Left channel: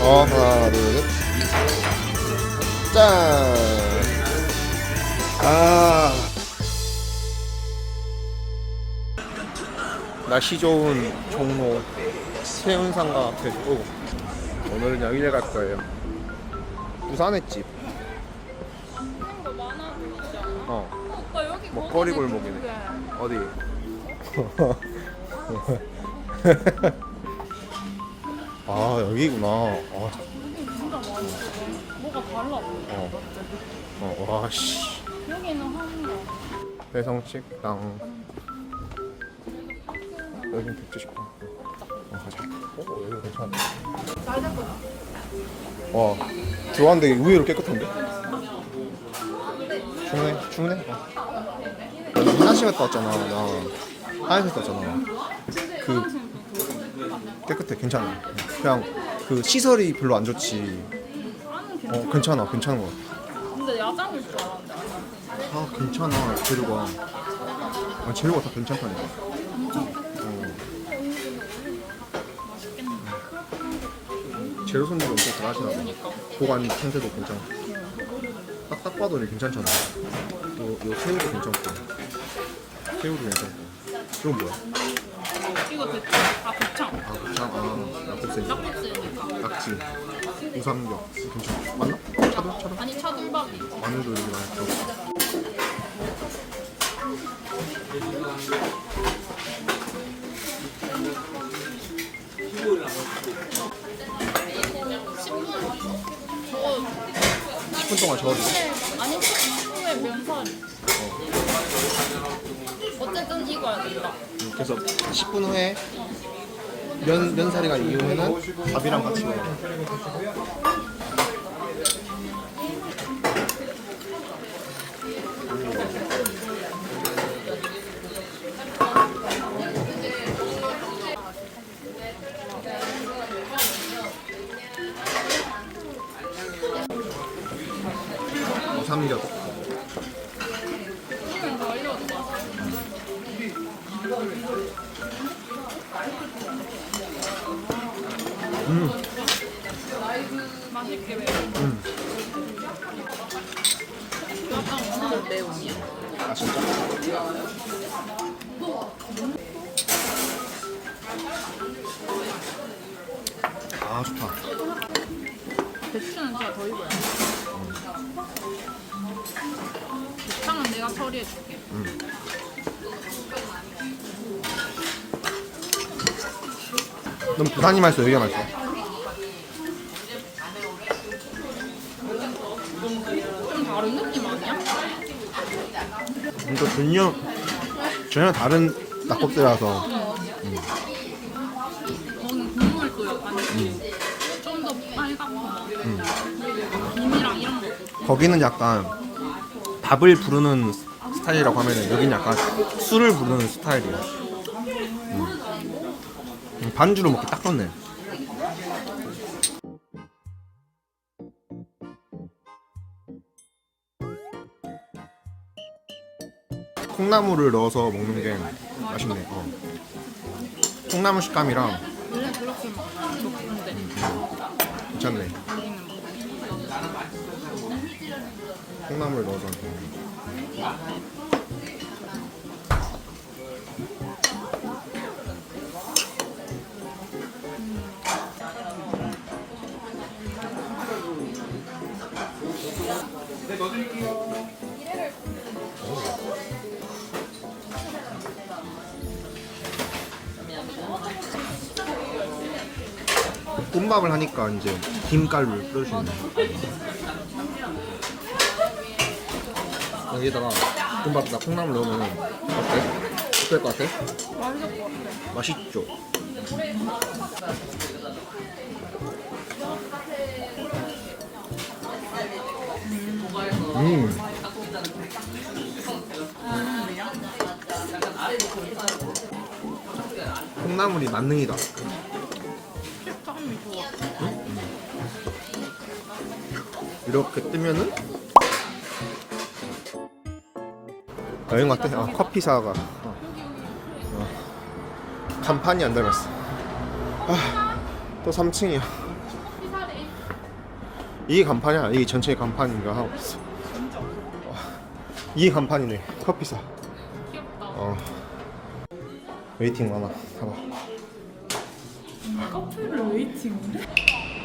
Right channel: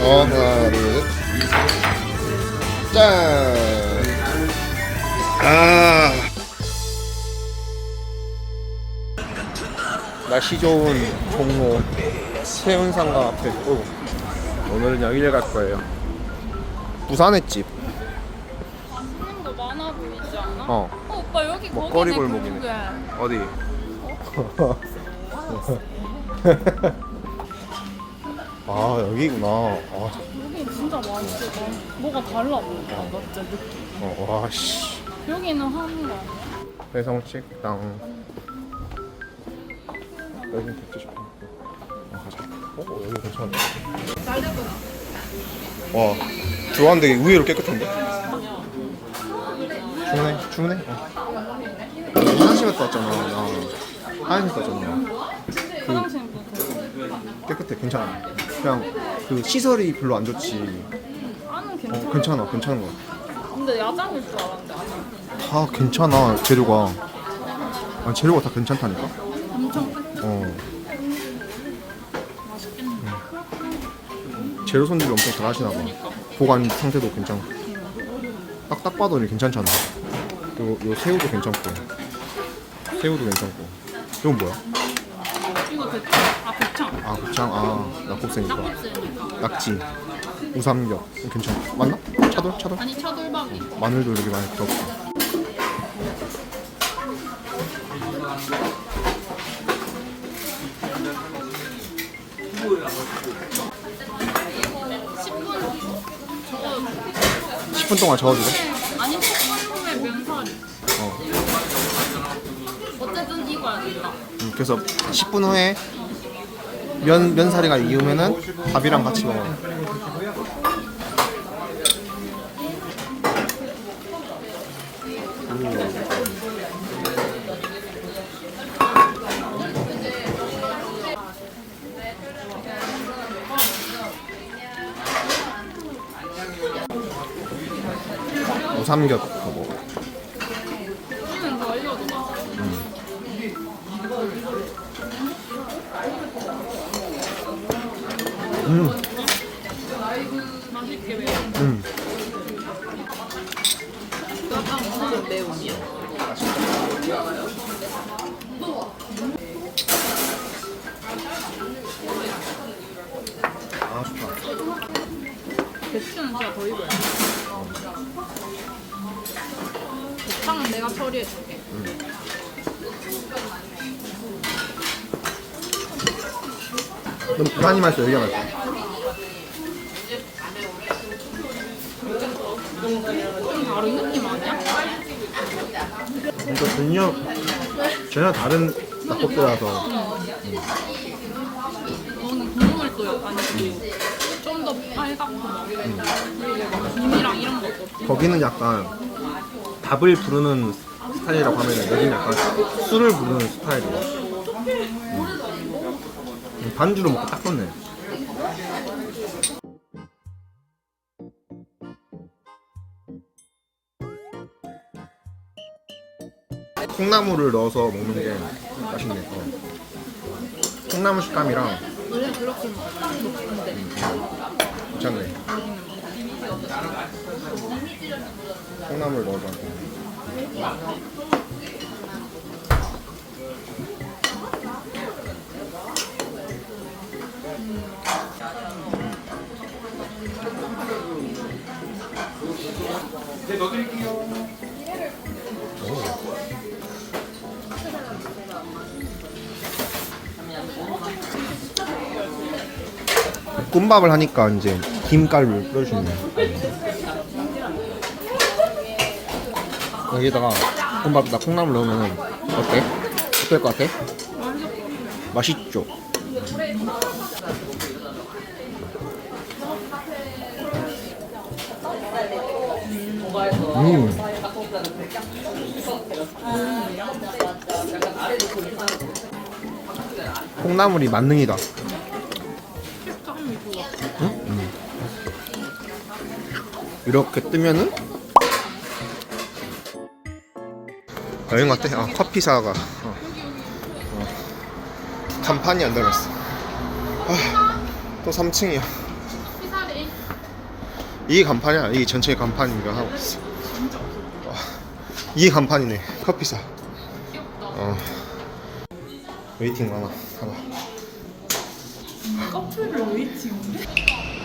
어 하나 둘 셋. 짠. 아. 날씨 좋은 종로 세운상가 앞에 오고 오늘은 여기를 갈 거예요. 부산의 집. 하는 거 많아 보이지 않아? 어. 어, 오빠 여기 먹거리 거기네, 골목이네. 그게. 어디? 아 여기구나. 아, 여기 진짜 많아. 뭐가 달라. 나 진짜 느낌. 어, 와 씨. 여기는 하는 게 아니야. 배성식당. 여긴 백지 식당. 어, 가자. 어, 여기 괜찮네. 와, 들어왔는데 의외로 깨끗한데? 주문해, 주문해. 어. 화장실 갔다 왔잖아. 나 화장실 갔다 왔잖아. 그 화장실도 그 깨끗해, 괜찮아. 그냥 그 시설이 별로 안 좋지. 어, 괜찮아. 괜찮아, 괜찮은 거 같아. 근데 야장일 줄 알았는데 아니야. 다 괜찮아, 재료가. 아니, 재료가 다 괜찮다니까? 어. 맛있겠네. 재료 손질이 엄청 잘 하시나 봐. 보관 상태도 괜찮고. 딱, 딱 봐도 이게 괜찮잖아. 요, 요 새우도 괜찮고. 새우도 괜찮고. 이건 뭐야? 이거 대창. 아 대창. 아, 곱창. 아, 낙곱새니까. 낙곱새니까. 낙지. 우삼겹. 괜찮아. 맞나? 차돌? 차돌? 아니 차돌박이. 마늘도 여기 많이 들어갔다. 저거 10분 동안 저어주고. 그래서 10분 후에 면, 면사리가 익으면은 밥이랑 같이 먹어. 우 음. 아, 좋다. 배추는 진짜 더 돼. 배탕은 내가 처리해줄게. 그럼 부산이 맛있어, 여기가 맛있어. 좀 다른 느낌 아니야? 그러니까 전혀, 전혀 다른 낙곱새라서. 너는 국물도 약간 좀 더 빨갛고 국이랑 이런 것도 거기는 약간 밥을 부르는 스타일이라고 하면 여기는 약간 술을 부르는 스타일이야. 음. 반주로 먹기 딱 좋네. 콩나물을 넣어서 먹는 게 맛있네. 어. 콩나물 식감이랑 원래 그렇게 좋은데 괜찮네. 콩나물 넣어서. 볶음밥을 하니까 이제 김가루를 뿌려주네. 여기다가 볶음밥에다 콩나물 넣으면 어때? 어떨 것 같아? 맛있죠? 음. 콩나물이 만능이다. 이렇게 뜨면은 여행 같아. 어, 커피 사가 어. 어. 간판이 안 달렸어. 아, 또 3층이야. 피살이 이게 간판이야. 이게 전체 간판인가 하고 있어. 와, 이게 간판이네. 커피사. 어. 웨이팅 하나 하나. 커피를 웨이팅인데?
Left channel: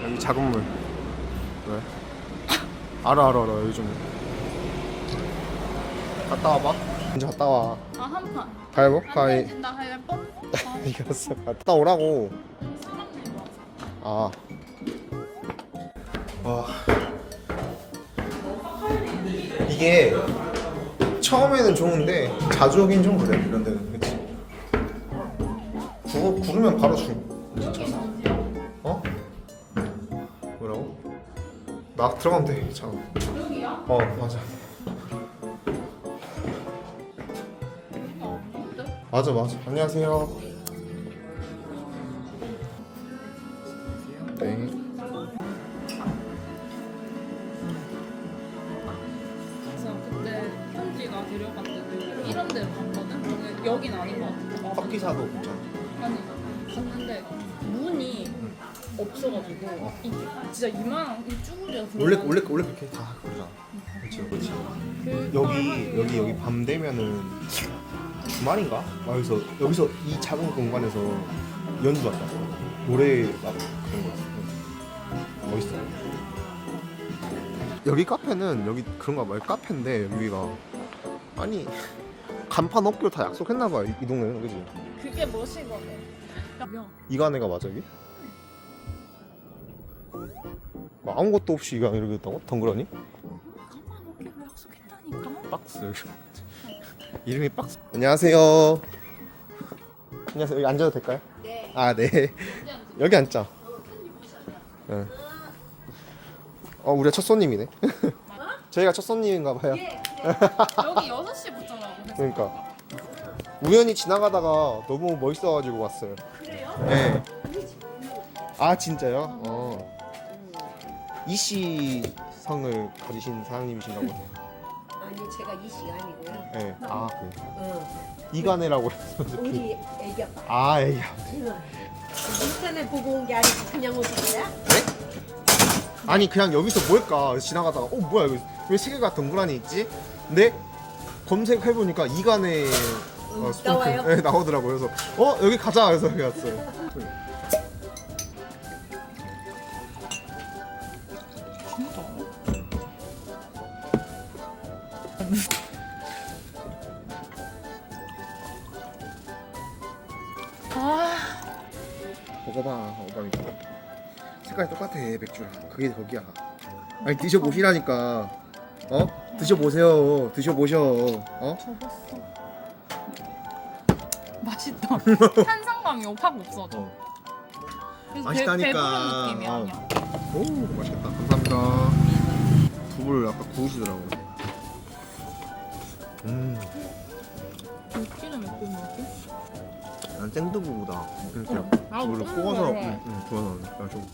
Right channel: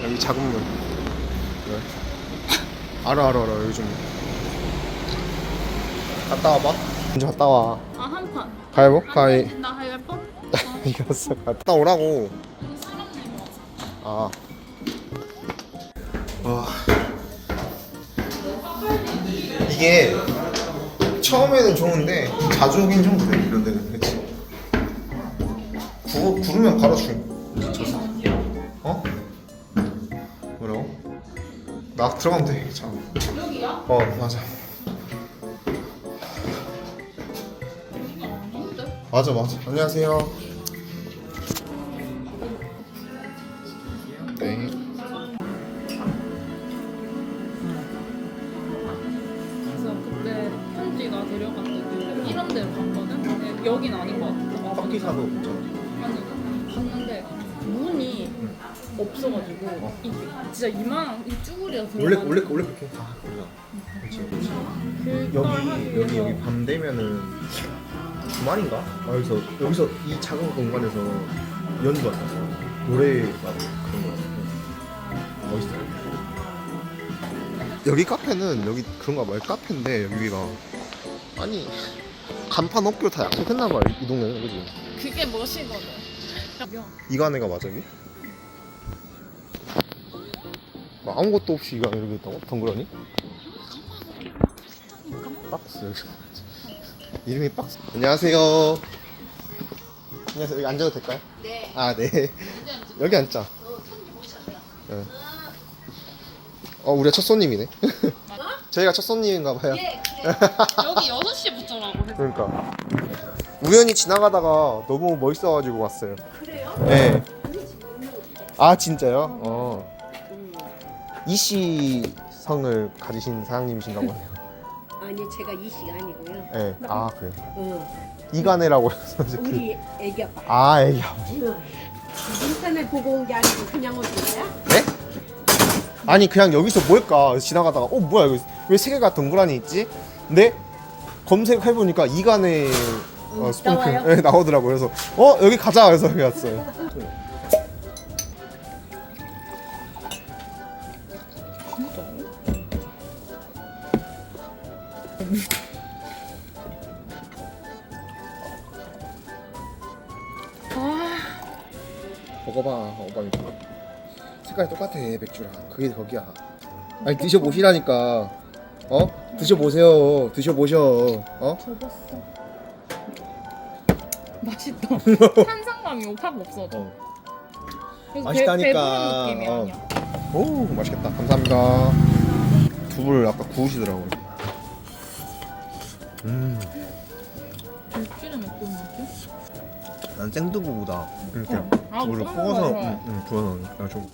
여기 작은 문. 왜? 알아 알아 알아 좀. 갔다 와봐. 먼저 갔다 와. 아, 한 판. 가위보 가위. 나 가위바위보? 이겼어. 갔다 오라고. 아. 와. 이게 처음에는 좋은데 자주 오긴 좀 그래 이런 데는 그치 구, 구르면 바로 줄 미쳤어 어? 나 들어가면 돼 자. 어 맞아. 맞아 맞아. 안녕하세요. 네. 그래서 그때 편지가 데려갔을 때 이런 데로 갔거든? 근데 여긴 아닌 것 같아. 커피사도 괜찮아 아니, 갔는데 문이 없어가지고 이, 진짜 이만한 이 쭈구리가 원래 들어가는 원래 원래 그렇게 다 그렇지 그렇지 여기 여기 여기 밤 되면은 주말인가? 아, 여기서 여기서 이 작은 공간에서 연주하고 노래 막 그런 거 멋있어. 여기 카페는 여기 그런가 봐요. 카페인데 여기가 아니 간판 없기로 다 약속했나 봐요. 이, 이 동네는 그지? 그게 멋이거든. 이간애가 맞아 여기? 뭐 아무것도 없이 이간 이렇게 있다고? 덩그러니? 박스 이름이 박스 안녕하세요 안녕하세요 여기 앉아도 될까요? 네 아네 여기 앉자 네. 어 우리가 첫 손님이네 저희가 첫 손님인가 봐요 여기 6시부터라고 했어. 그러니까 우연히 지나가다가 너무 멋있어가지고 왔어요. 그래요? 네. 아 진짜요? 어. 이씨 성을 가지신 사장님이신가 보네요. 아니 제가 이 시간이고요. 네. 아 그래. 어, 이간애라고 해서 이렇게. 우리 애기 아빠. 아 애기 아버지. 인터넷 보고 온 게 아니고 그냥 오신 거야? 네? 아니 그냥 여기서 뭘까 지나가다가 어 뭐야 여기 왜세 개가 동그라니 있지? 근데 검색해 보니까 이간의 어, 스폰크? 네, 나오더라고 그래서 어 여기 가자 그래서 여기 왔어요. 아, 먹어봐 먹어봐 이거 색깔이 똑같아 맥주랑 그게 거기야 아니 드셔보시라니까 어? 드셔보세요 드셔보셔 어? 접었어. 맛있다. 탄산감이 확 없어져. 어. 그래서 맛있다니까. 배, 느낌이 어. 아니야. 오 맛있겠다 감사합니다 두부를 아까 구우시더라고요 음, 들기름 어떤 느낌? 난 생두부보다 이렇게 응. 나도 두부를 볶는 구워서 거 좋아해. 응, 응, 구워서 그냥 좀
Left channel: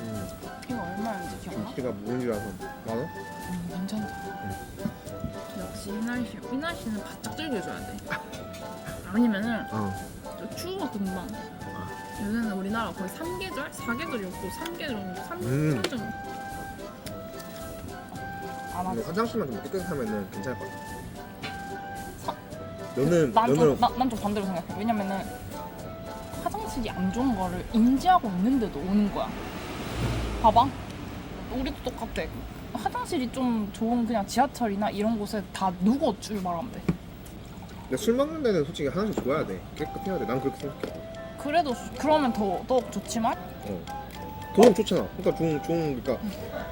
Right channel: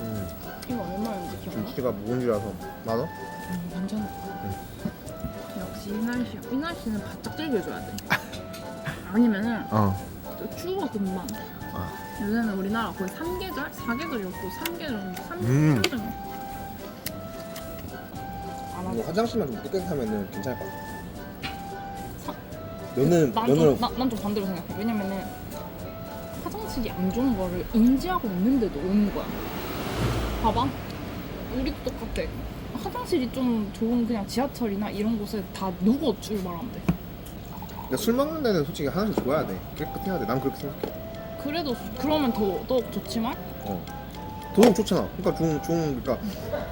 음, 이거 얼마인지 기억나? 김치가 묵은 줄 알아서 만 원? 음, 괜찮다. 역시 이 날 씨, 이 날 씨는 바짝 즐겨줘야 돼. 아니면은 어 추워 금방. 요새는 우리나라 거의 3계절? 4계절이 없고 3계절, 3, 음. 3계절. 안 이거 하지. 화장실만 좀 깨끗하면은 괜찮을 것 같아. 면을 난 면을 난좀 반대로 생각해. 왜냐면은 화장실이 안 좋은 거를 인지하고 있는데도 오는 거야. 봐봐. 우리도 똑같아. 화장실이 좀 좋은 그냥 지하철이나 이런 곳에 다 누구 출발한대. 근데 술 먹는 데는 솔직히 화장실 좋아야 돼. 깨끗해야 돼. 난 그렇게 생각해. 그래도 수- 그러면 더, 더 좋지만 어. 도움 좋잖아. 그러니까 좋은 좋은 그러니까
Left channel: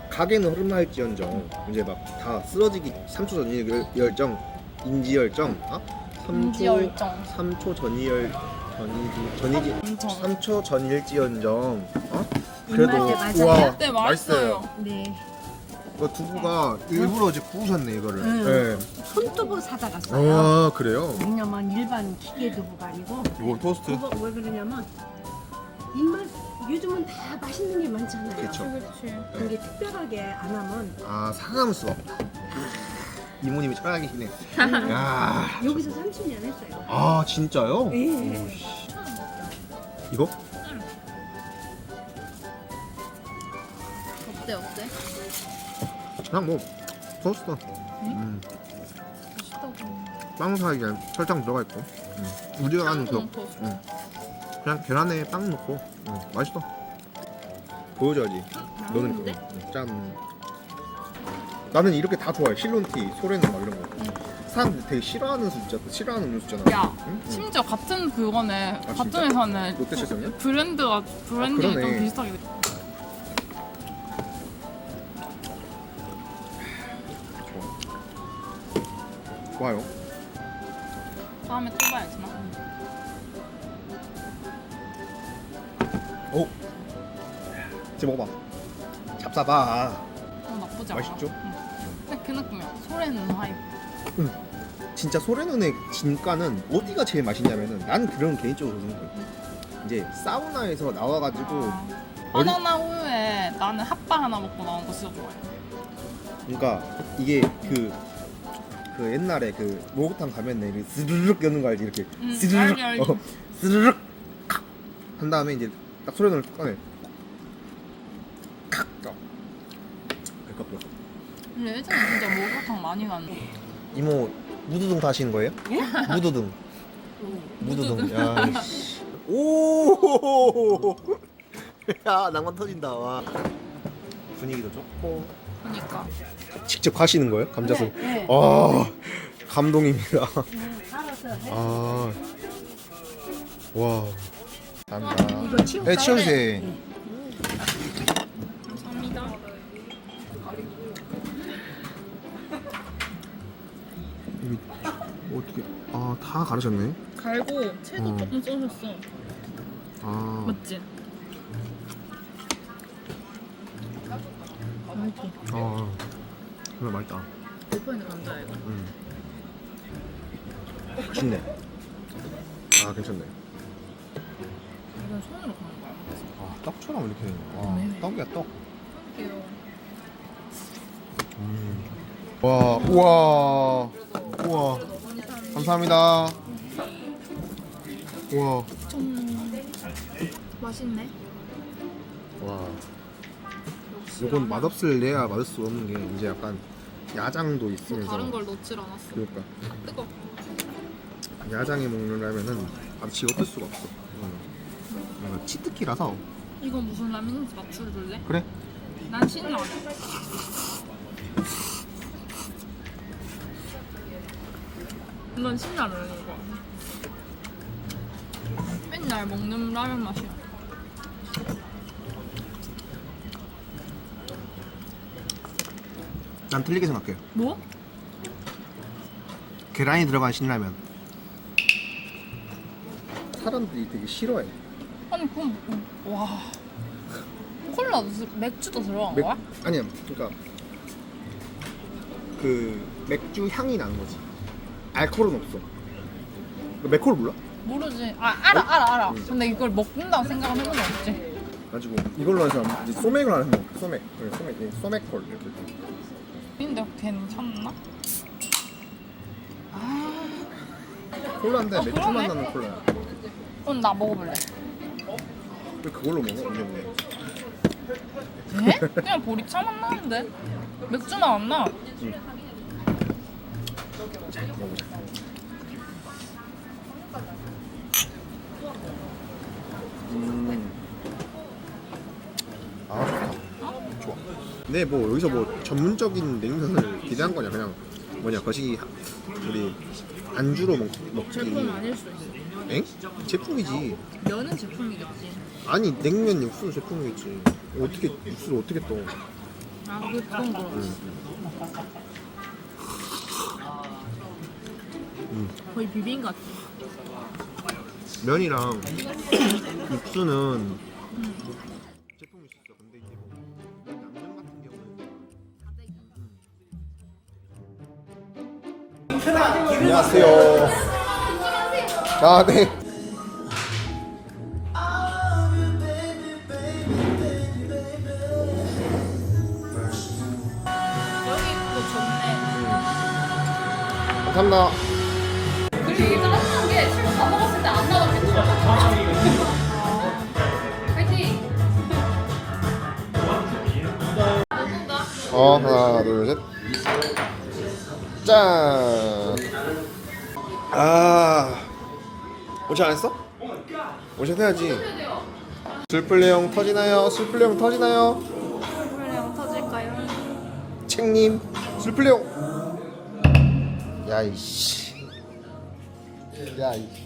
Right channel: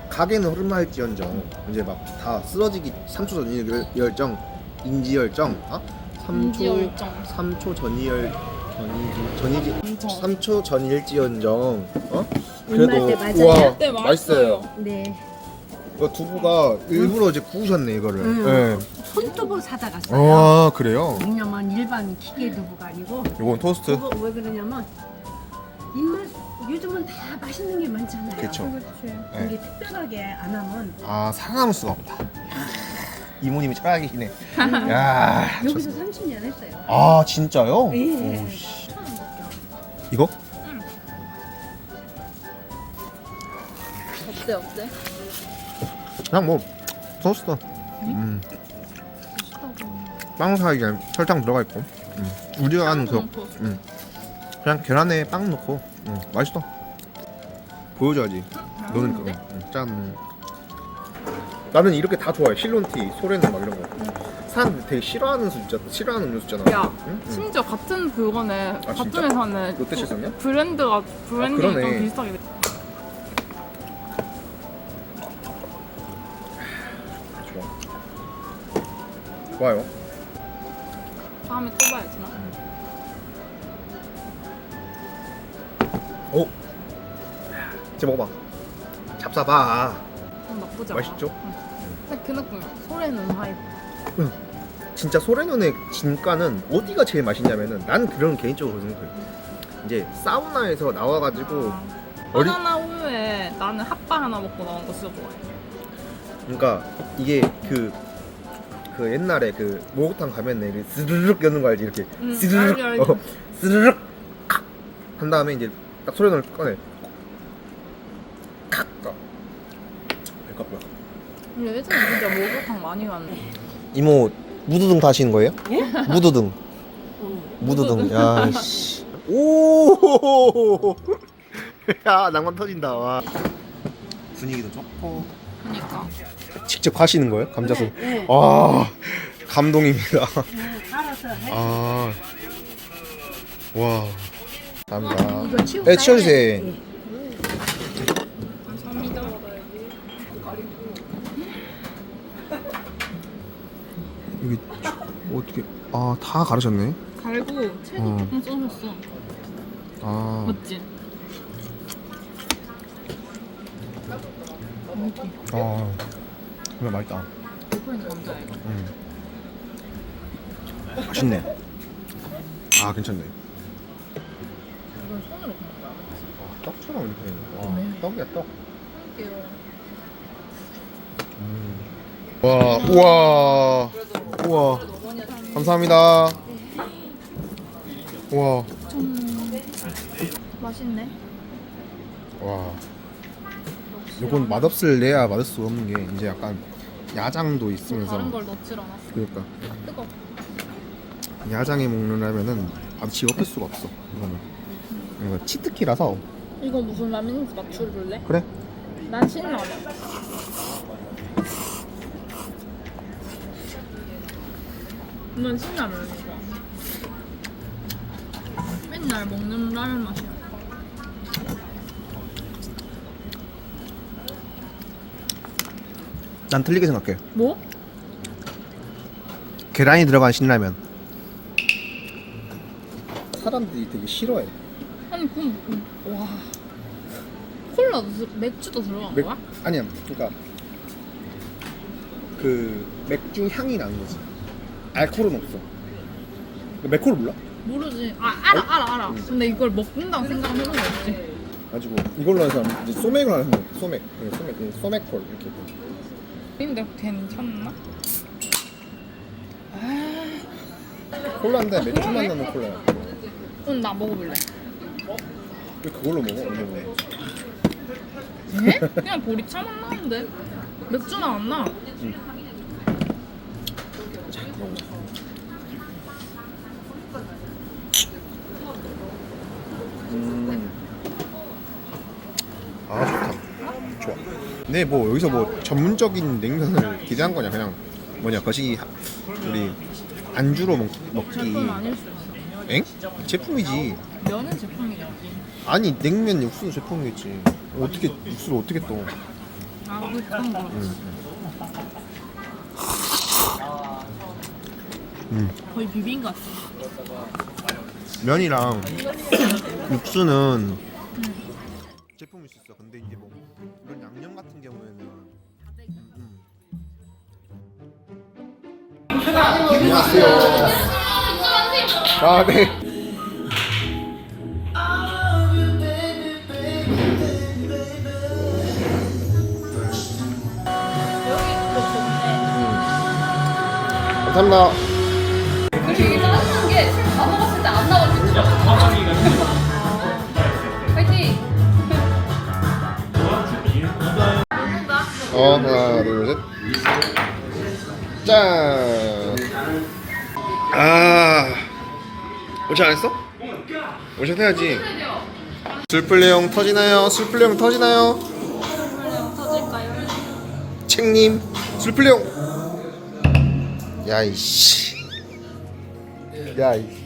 가게는 흐름할지언정 이제 막 다 쓰러지기 3초 전이 열- 열정 인지 열정 아 3초 인지열정. 3초 전이 열 전이지 전이지 인정. 3초 전일지언정 어 입맛에 그래도. 우와 네, 맛있어요. 네. 그러니까 두부가 일부러 이제 구우셨네 이거를. 음. 예. 네. 손두부 사다 갔어요. 아 그래요? 양념은 일반 기계 두부가 아니고 요건 토스트. 그거 왜 그러냐면 입맛 요즘은 다 맛있는 게 많잖아요. 그쵸. 그렇지. 네. 특별하게 안 하면 아 상하울 수가 없다. 이모님이 짱하게 시네 야. 여기서 30년 했어요. 아 진짜요? 예, 예. 오, 씨. 이거? 어때 어때? 그냥 뭐 토스트. 음. 빵 사이에 설탕 들어가 있고. 음. 우리가 하는 그. 음. 그냥 계란에 빵 넣고. 음. 맛있어. 보여줘야지. 너는 그거. 음. 짠. 나는 이렇게 다 좋아해. 실론티, 소래는 막 이런 거. 사람들 되게 싫어하는 수 있잖아. 싫어하는 음료수 있잖아. 야 응? 응. 심지어 같은 그거네 아, 진짜? 같은 회사는 롯데 실성이야? 브랜드가 브랜딩이 그러네. 좀 비슷하게 돼. 좋아. 좋아요. 다음에 또 봐야지 나. 오. 이제 먹어봐. 잡사봐. 어 나쁘지 않아. 맛있죠? 근데 그 느낌이야. 소래는 하이브. 진짜 소래눈의 진가는 어디가 제일 맛있냐면은 난 그런 개인적으로 생각해. 이제 사우나에서 나와가지고 어리 바나나 우유에 나는 핫바 하나 먹고 나온 거 진짜 좋아해. 그러니까 이게 그. 그 옛날에 그 목욕탕 가면 이렇게 스르륵 여는 거 알지 이렇게 응, 스르륵 알지, 알지. 어, 스르륵 칵! 한 다음에 이제 딱 소래눈을 꺼내 칵! 배꼽 근데 예전에 진짜 목욕탕 많이 갔는데. 이모 무드등 타시는 거예요? 예? 무드등 무드등 야 씨. 오! 야 낭만 터진다 와 분위기도 좋고 그러니까. 직접 하시는 거예요? 감자술 네. 아 감동입니다 알아서 해. 아 와. 감사합니다. 이거 치울까요? 네, 치워주세요. 네. 감사합니다. 이게 어떻게? 아, 다 가르쳤네. 갈고 채도 어. 조금 써줬어. 아, 맞지? 이렇게 아, 정말 맛있다. 있는 감자야 이거. 음. 맛있네. 아, 괜찮네. 이건 손으로 가는 거야. 떡처럼 이렇게. 네. 어, 떡이야 떡. 할게요. 음. 와, 우와, 우와. 감사합니다. 우와, 맛있네. 와. 요건 맛없을 내야 맛을 수 없는 게 이제 약간 야장도 뭐 있으면서. 다른 걸 넣질 않았어. 그러니까 뜨거. 야장에 먹는라면은 아주 지겁할 수가 없어. 이거는. 이거 치트키라서 이거 무슨 라면인지 맞춰줄래? 그래. 난 신라면. 난 신라면이니까. 맨날 먹는 라면 맛이야. 난 틀리게 생각해. 뭐? 계란이 들어간 신라면. 사람들이 되게 싫어해. 아니 그럼 음, 와 콜라도 들- 맥주도 들어간 맥- 거야? 아니야, 그러니까 그 맥주 향이 나는 거지. 알코올은 없어. 맥콜 몰라? 모르지. 아 알아 알아 알아. 응. 근데 이걸 먹는다고 생각은 해본 적 없지. 가지고 이걸로 해서 이제 소맥을 하는 거. 소맥, 네, 소맥, 네, 소맥콜 이렇게. 근데 괜찮나? 아, 콜라인데 아, 맥주만. 나는 콜라야. 그럼 나 먹어볼래. 왜 그걸로 먹어? 네? 그냥 보리차만 나는데 맥주만 안 나. 먹어보자. 음. 아 좋다. 좋아. 네, 뭐 여기서 뭐 전문적인 냉면을 기대한 거냐 그냥 뭐냐 거시기 하- 우리 안주로 먹, 먹기. 제품 아닐 수 있어. 엥? 제품이지. 면은 제품이겠지. 아니 냉면 육수 제품이겠지. 어떻게 육수를 어떻게 또? 아 그런 거. 음. 거의 비빔 같아. 면이랑 육수는 제품일 수 있어. 근데 이게 뭐 안녕하세요. 아 네. 감사합니다. 그리고 이게 짜증난 게술 다 먹었을 때안 진짜 파이팅! 어 하나 둘 셋 짠. 오션 안 했어? 오션 해야지 술플레용 터지나요? 술플레용 터지나요? 책님 술플레용 야이씨 야이